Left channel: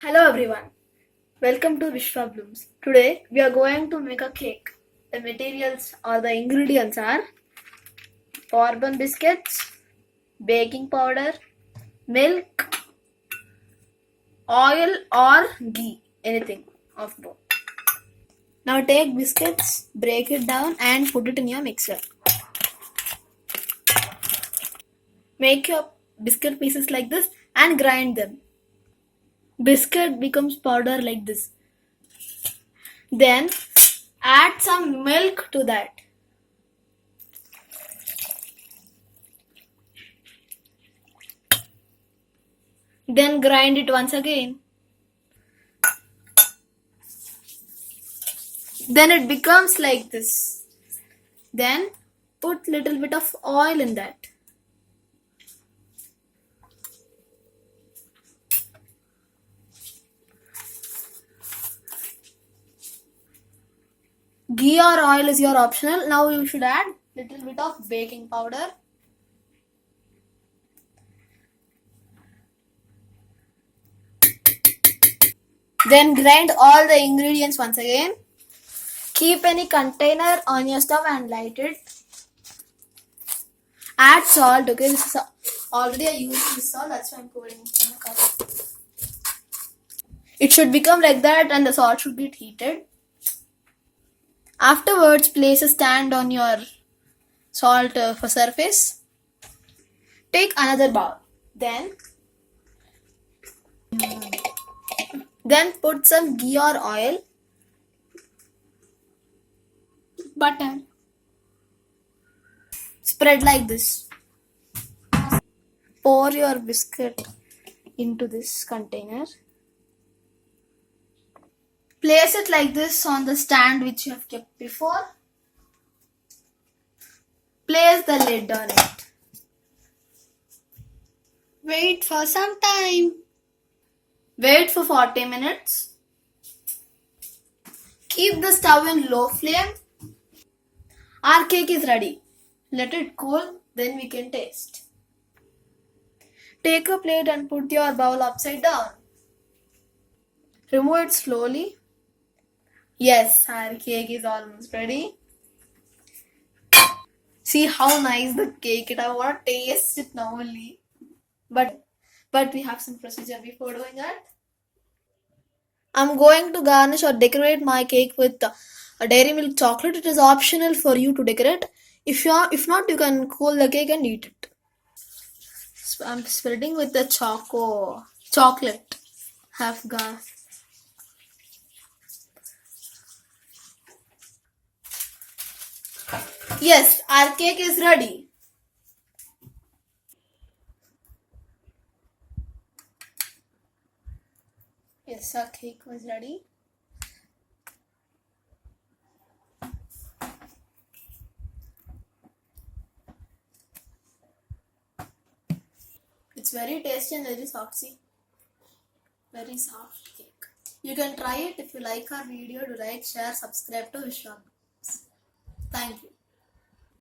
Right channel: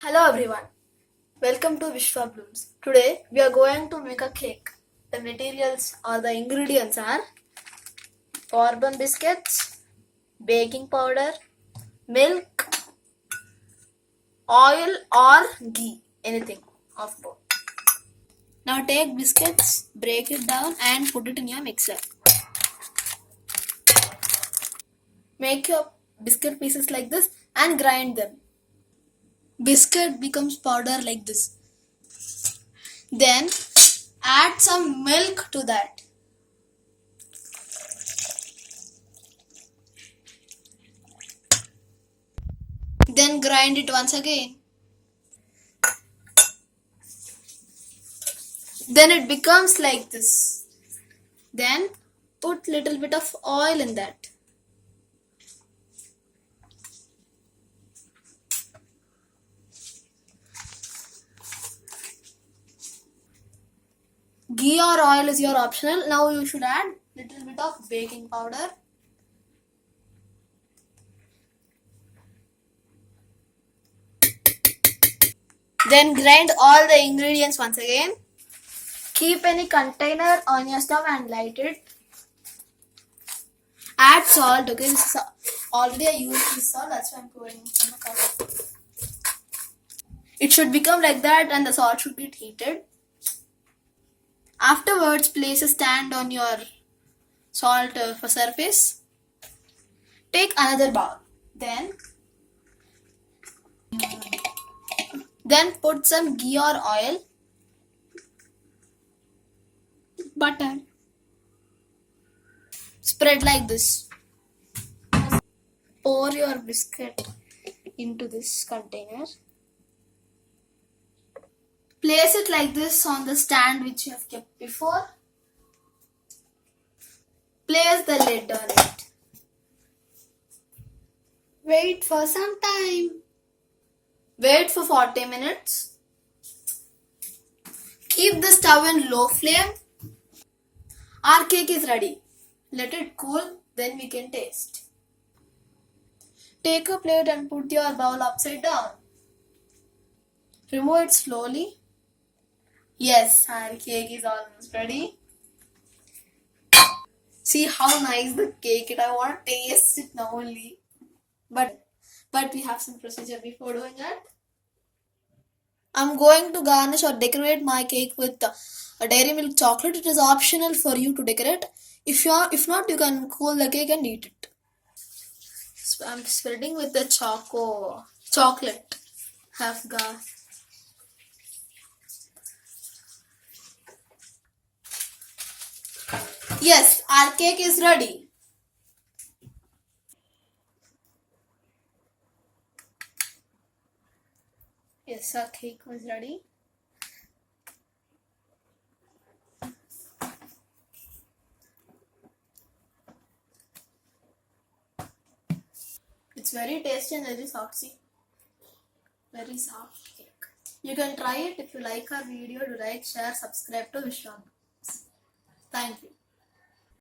Hello everyone, welcome to Vishwablooms. Today we are going to make a cake. The materials or the ingredients are Bourbon biscuits, baking powder, milk, oil or ghee, anything of both. Now take biscuits, break it down and put it in your mixer. Make your biscuit pieces like this and grind them. Biscuit becomes powder like this. Then add some milk to that. Then grind it once again. Then it becomes like this. Then put little bit of oil in that. Ghee or oil is your optional. Now you should add little bit of baking powder. Then grind all the ingredients once again. Keep any container on your stove and light it. Add salt. Okay, this is already I used this salt, that's why I'm pouring from the cover. It should become like that and the salt should get heated. Afterwards, place a stand on your salt surface. Take another bowl. Then put some ghee or oil, butter. Spread like this. Pour your biscuit into this container. Place it like this on the stand which you have kept before. Place the lid on it. Wait for some time. Wait for 40 minutes. Keep the stove in low flame. Our cake is ready. Let it cool, then we can taste. Take a plate and put your bowl upside down. Remove it slowly. Yes, our cake is almost ready. See how nice the cake is. I want to taste it now only. But we have some procedure before doing that. I'm going to garnish or decorate my cake with a dairy milk chocolate. It is optional for you to decorate. If not, you can cool the cake and eat it. So I'm spreading with the chocolate. Half gas. Yes, our cake is ready. Yes, our cake was ready. It's very tasty and very soft. Very soft cake. You can try it. If you like our video, do like, share, subscribe to Vishwablooms. Thank you.